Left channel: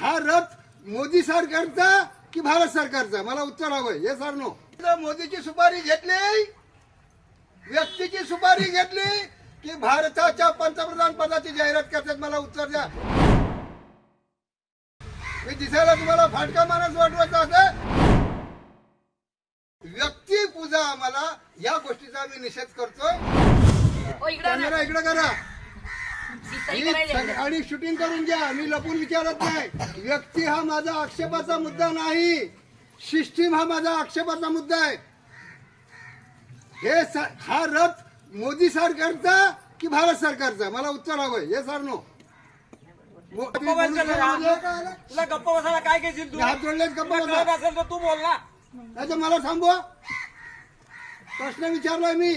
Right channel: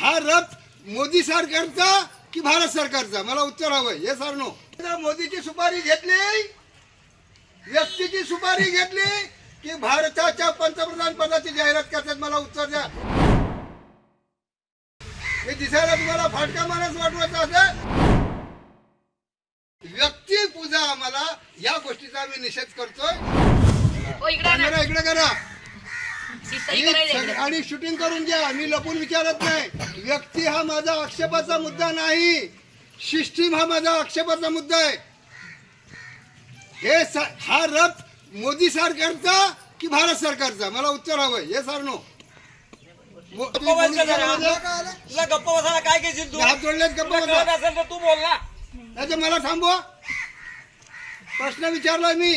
हा रथ मोदी सरकारचा की भारत सरकारचा मला उत्तर हवंय हे सर नो मोदीची सुपारी घेतली व्यक्तीची सुपारी घेतली की भारताच्या पंतप्रधान पदाची जाहिरात करतात मला उत्तर द्या हे दिसायला तुम्हाला फाटका मानस वाटवायचा असेल व्यक्ती पूजा आम्हाला या गोष्टीचा आम्ही निषेध करतोय इकडे करा आणि शूटिंग करून घ्या मी लपून विचारत नाही व्यक्ती हा माझा आक्षेपाचा मुद्दा नाही सिस्टीम हा माझा आक्षेपाचा मुद्दा आहे हे हा रफ मोदी सरकारचा की भारत सरकारचा मला उत्तर हवंय हे सर नो गप्प बसायला काय घेशील तू बोल ना मला थांबवा प्रश्न विचारला मी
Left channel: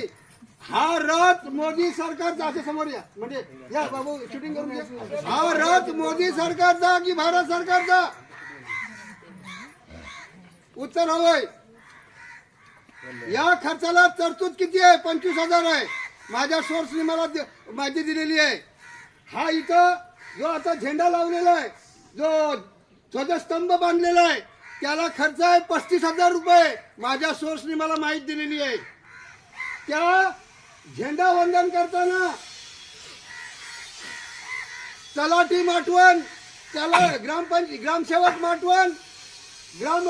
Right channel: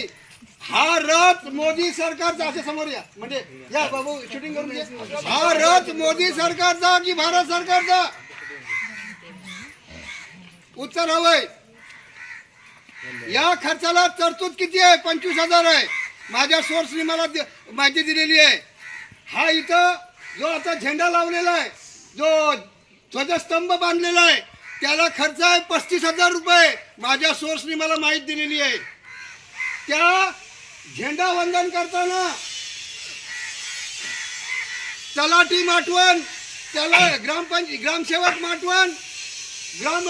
हा रथ मोदी सरकारचा असे समोर या म्हणजे या बाबू शूटिंग करून हा रथ मोदी सरकारचा की भारत सरकारचा उत्तर हवंय या खर्चाला तरतूद किती आहे पंचवीस हजार आहे माझ्या सोर्सनी मला माहिती दिलेली आहे हा इथं जो आता झेंडा लावलेला आहे जो ध्वजस्तंभ बांधलेला आहे त्याला खर्च आहे पस्तीस हजार रुपये माझ्या सोर्सनी मला माहिती दिलेली आहे त्या झेंडा वंदन करताना तलाठी माटवण त्याला ग्रामपंच ग्रामसेवक माटवण ग्राम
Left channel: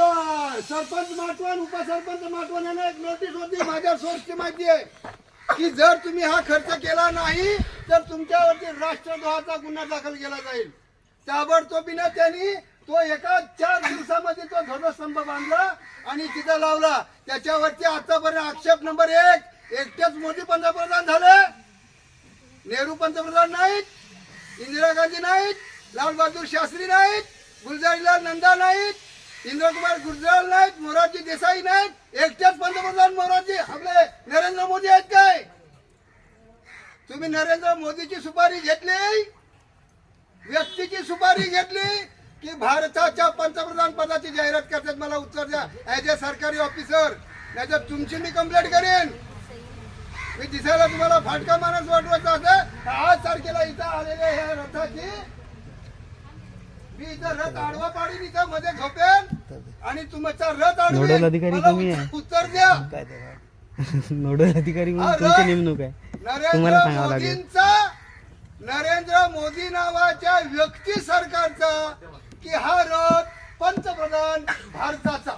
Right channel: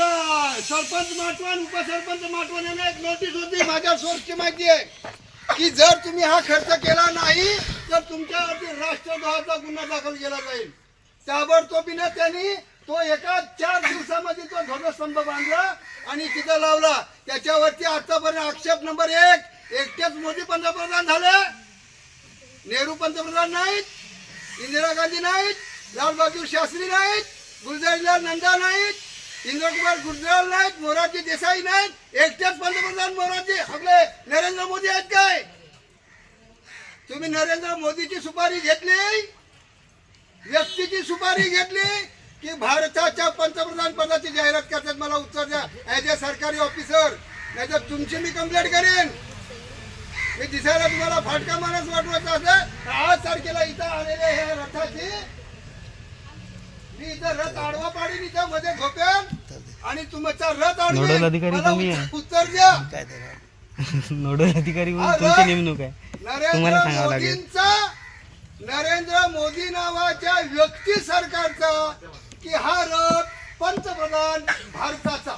सरपंच माटवण उपसरपंच माटवण यांना एक नोटीस होती माझ्या सोर्सची माहिती आहे की जर तुम्ही हा खर्च केला नाही तर तुमच्यावरती राष्ट्रद्रोहाचा गुन्हा दाखल केला जाईल ताबडतोबीनं त्यांनी तो एका चार दिवसामध्ये तो ध्वजस्तंभ बांधला आणि तिथं लावला त्याच्यावरती आतापर्यंत आक्षेप नंबर एक एकट्याच मोदी पंतप्रधान झाले नेहरू पंतप्रधान नाहीत इंदिरा गांधी नाहीत लालबहादूर शास्त्री नाहीत गुलजारीलाल नंदा नाहीत इंद्रकुमार गुजराल नाहीत मोरारजी देसाई नाहीत एकट्याच पंतप्रधान मोरारजी आपले नरेंद्र मोदी आहेत काय तुम्ही नरेंद्र मोदीची सुपारी घेतली व्यक्तीची सुपारी घेतली की भारताच्या पंतप्रधान पदाची जाहिरात करतात मला उत्तर द्या ॲज अ सरकारी ऑफिसर नाही तर तुमची मी कंप्लेंट करेन मी दिसायला तुम्हाला फाटका माणस वाटवायचा असेल आज तारखेला इथं आलेले हे रथाची मी इथं रथ आडवा इथं मध्ये झोपेन आणि तुमचा रथ नोडल अधिकारी तुम्ही आहे. उत्तर- नोडल अधिकारी तुमची नेमणूक आहे तुम्हाला सांगावं लागेल नरेंद्र मोदी नावाच्या व्यक्ती सरकारचा की हा रथ पंतप्रधान भारताचा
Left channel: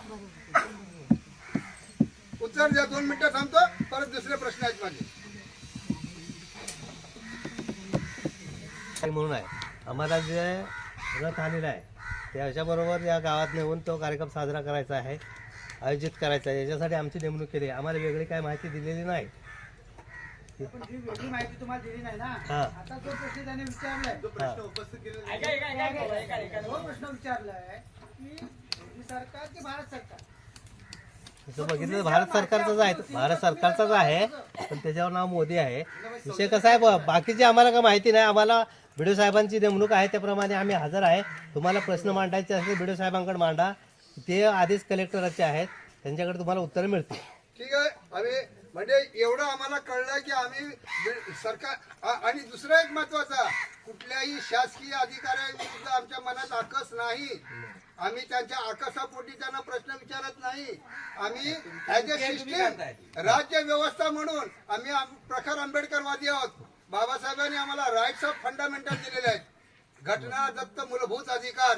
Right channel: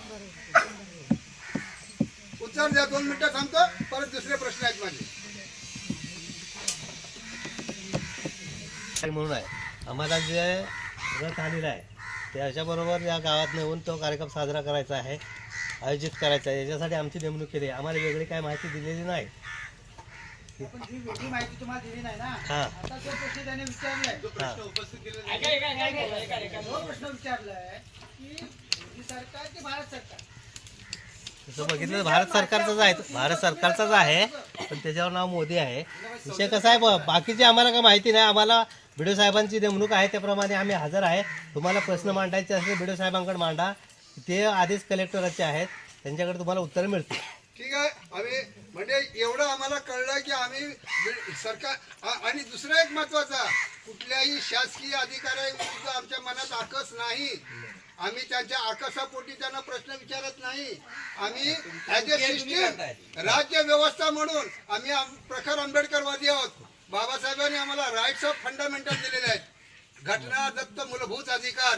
चल या दोन मिनिटं थांबतो परत दुसरे प्रश्न आहेत माझे म्हणून आहे आम्हाला जे रथ आलेला आहे त्याच्याबरोबर या गावात नेऊन तो कार्यक्रम साजरा करायचा आहे आयोजित करायचा आहे याच्यासाठी आमची नेमणूक केली आहे आम्हाला वेगळी काय माहिती दिलेली नाही माहिती की सरकार की भारत सरकार बघितलं भारत सरकारचाच आहे भारत सरकारचाच आहे पण त्याच्यावर नाव मोदी आहे विषय कसा आहे बाकीची आम्हाला काय माहिती नाही आम्हाला बिडो साहेबांची नेमणूक आहे त्याप्रमाणे आम्ही हजर आहे तुम्हाला प्रश्न मांडायचे असेल बिडो साहेबांकडे मांडा ते आधीच कलेक्टरचे आहेत त्यांच्याकडे तुम्हाला उत्तर मिळतं ठीक आहे आम्ही म्हणजे एवढं आम्हाला कळलं की आम्ही सरकार आणि दुसरा एक महत्वाचा कुठल्याही शासकीय अधिकाऱ्यांविरुद्ध आमच्या मनात आकस नाही आम्ही त्यांच्या आकाशापोटी त्यांना प्रश्न विचारत नाही आम्ही ऍज अ सिस्टीम राज्य व्यवस्था म्हणून आम्ही प्रखर आंबेडकरवादी आहोत बाबासाहेबांनी आम्हाला राईट्स ऑफ फंडामेंटल दिलेले आहेत घटना दत्त मूलभूत अधिकार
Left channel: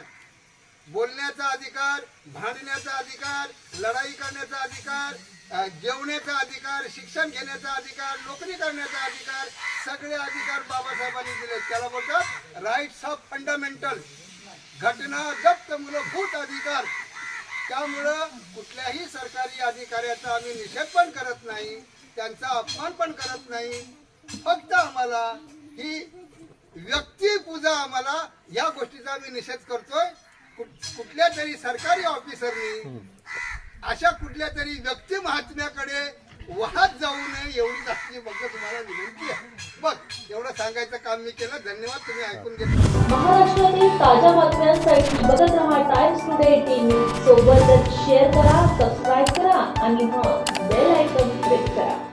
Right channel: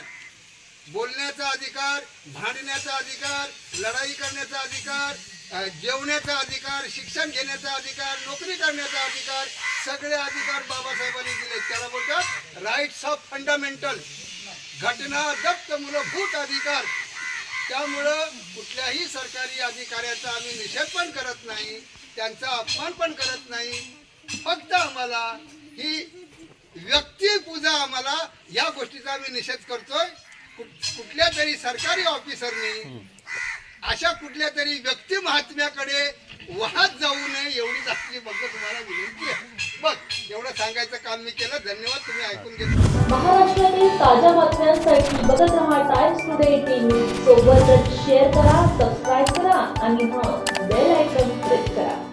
बोलण्याचा अधिकार भांडण्याचा अधिकार लढाई करण्याचा अधिकार जेवण्याचा अधिकार शिक्षण घेण्याचा अधिकार नोकरी करण्याचा अधिकार सगळे अधिकार बाबासाहेबांनी दिले त्याला बोलतात राईट्स ऑफ फंडामेंटल घटना जप्त मूलभूत अधिकार त्यामुळं कुठल्याही सरकारी अधिकाऱ्याचा आम्ही निषेध पण करत नाही त्यांचा अपमान पण करत नाही फक्त आम्हाला ही व्यक्तिपूजा आम्हाला या गोष्टीचा आम्ही निषेध करतोय कुठल्या तरी सरकारी ऑफिसरनी अशा कुठल्या तरी व्यक्ती महात्म्याकडे वाहत जाऊ नये एवढीच आपली फक्त तुम्हाला विनंती आहे बघ एवढं सांगायचं काम मी केलं धन्यवाद तुम्ही ऐकून घेतलं महाराष्ट्रातील ताज्या बातम्यांसाठी बघत राहा टाइम्स टुडे टीव्ही सोबतच शेअर करा सबस्क्राईब करा आणि हां बेल आयकॉन प्रेस करा